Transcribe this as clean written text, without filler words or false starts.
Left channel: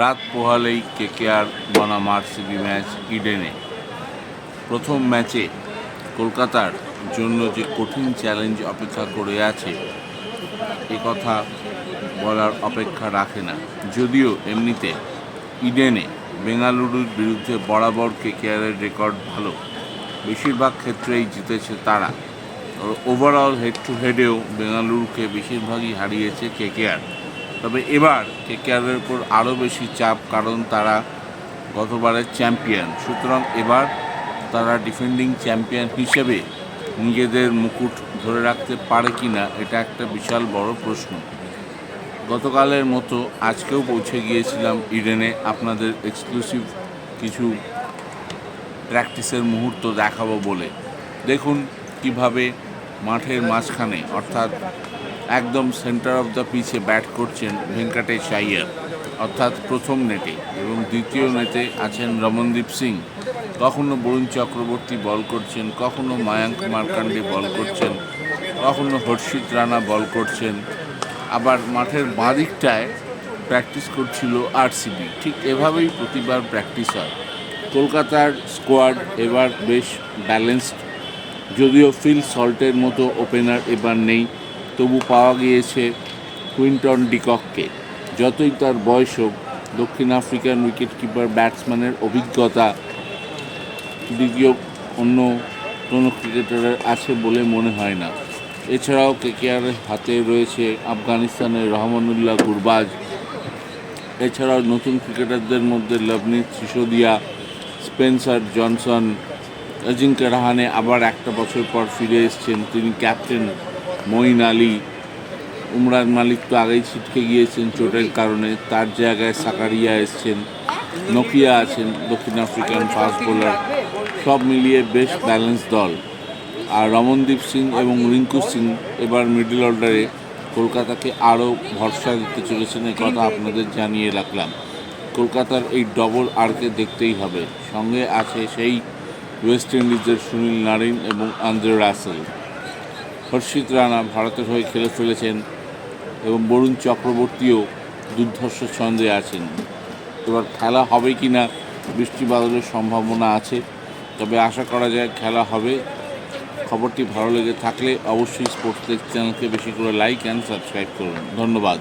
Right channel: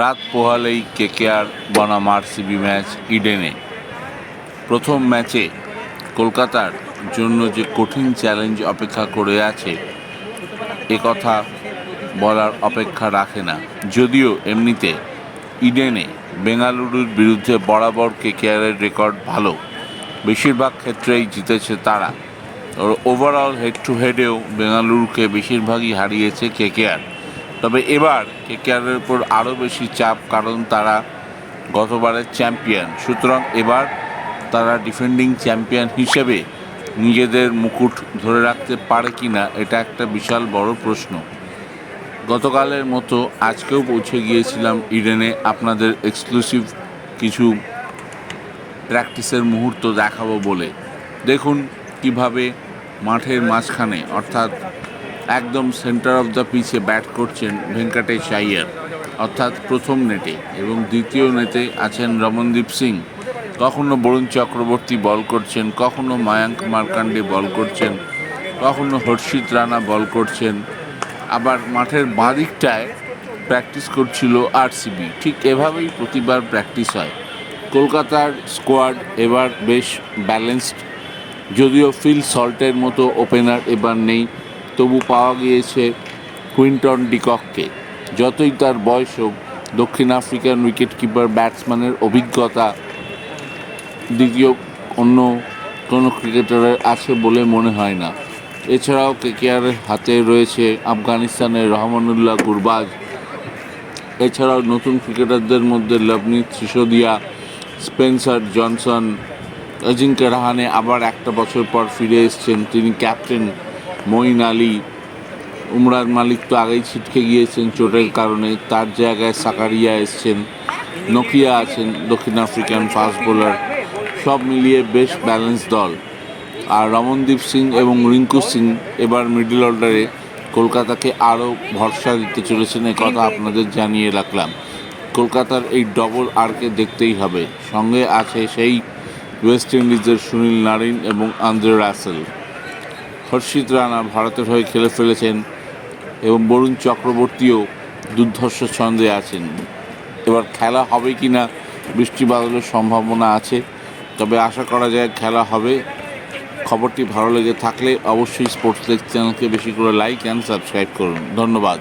রাত পোহালেই কেকেআর বনাম RCB match ইডেনে। প্রথম ম্যাচে কলকাতার জন্য যে কঠিন চ্যালেঞ্জ অপেক্ষা করে আছে কথা বলার অপেক্ষা রাখে না। যদিও এমনিতে ইডেনে বেঙ্গালুরুর বিরুদ্ধে বরাবর কেকেআরের রেকর্ড ভালো, বেশিরভাগ ক্ষেত্রেই জিতেছে তারা। ওভারঅল হেড টু হেডেও বেঙ্গালুরুকে বেশিরভাগই হারিয়েছে কেকেআর। তবে এবার কেকেআরের উপর আরও বেশি চাপ, কারণ তারা গতবারের চ্যাম্পিয়ন। সুতরাং এবার তারা ডিফেন্ডিং চ্যাম্পিয়ন হিসেবে নিজেদের মুকুট ধরে রাখতে পারে কি না, এটা একটা বিশাল বড় প্রশ্ন। গতকালের মতো আজকেও পৌঁছে গিয়েছিলাম ইডেনে আপনাদের এক্সক্লুসিভ কিছু প্র্যাকটিসের মুহূর্ত দেখাবো বলে। দেখুন কিভাবে মাঠের মাঝখানে, অর্থাৎ একদম সেন্টার অফ দ্য পিচে ব্যাট করছেন ভেঙ্কটেশ আইয়ার, অর্থাৎ প্রথম নেটে, এবং দ্বিতীয় নেটে আছেন রমনদীপ সিং। কখনো বরুণ চক্রবর্তী বল করছেন, কখনো মায়াঙ্ক মার্কান্ডে বল করছেন, কখনো হর্ষিত রানা বল করছেন। আবার মাঠের বাঁ দিকটায় প্র্যাকটিস করছিল আরসিবি। ঠিক এভাবেই প্রতিবার প্র্যাকটিস হয়। কলকাতার স্কোয়াড এবার বেশ ব্যালেন্সড। যদিও ফিল সল্টের মতো ওপেনার এবার নেই, তবু পাওয়া গিয়েছে কুইন্টন ডিকককে। যতই তার বয়স হোক, দক্ষিণ আফ্রিকান উইকেট কিপার ব্যাটসম্যানের অভিজ্ঞতা দ্বিতীয় অন্য কোনো ক্রিকেটারের আছে বলে মনে হয় না। এছাড়াও কেকেআরের হাতে রয়েছে আফগানিস্তানের রহমানুল্লাহ গুরবাজ। এছাড়াও নতুন ক্রিকেটারদের মধ্যে লভনীত সিসোদিয়া, স্পেন্সার জনসন, অজিঙ্ক্য রাহানে আবার একটা বছর পর ফিরে এসেছেন, তিনি ক্যাপ্টেন মঈন আলী। উমরান মালিক তো আগেই ছিটকে গিয়েছেন চোটের কারণে, তার জায়গায় সাকারিয়া এসছেন। নোকিয়া আছেন দক্ষিণ আফ্রিকান ফাস্ট বোলার। সব মিলিয়ে বেশ ব্যালেন্স দল। আর রমনদীপ সিং এবং রিঙ্কু সিং এবার মিডল অর্ডারে কলকাতাকে আরও ভরসা দিতে চলেছেন, কথা আপনাদের জানিয়ে রাখলাম। কলকাতার এই ডবল আরকে দেখতেই হবে। সঙ্গে আছে সেই ওয়েস্ট ইন্ডিজের সুনীল নারিন এবং আন্দ্রে রাসেল। হর্ষিত রানা ভারতের হয়ে খেলে ফেলেছেন এবং বরুণ চক্রবর্তীও দুর্ধর্ষ ছন্দে আছেন। এবার খেলা হবে কি না, বৃষ্টি বাদলের সম্ভাবনা আছে, তবে আশা করা যায় খেলা হবে। খবরটি ভালো লেগে থাকলে অবশ্যই স্পোর্টস লেগ চ্যানেলকে বেশি করে লাইক অ্যান্ড সাবস্ক্রাইব করুন। ধন্যবাদ।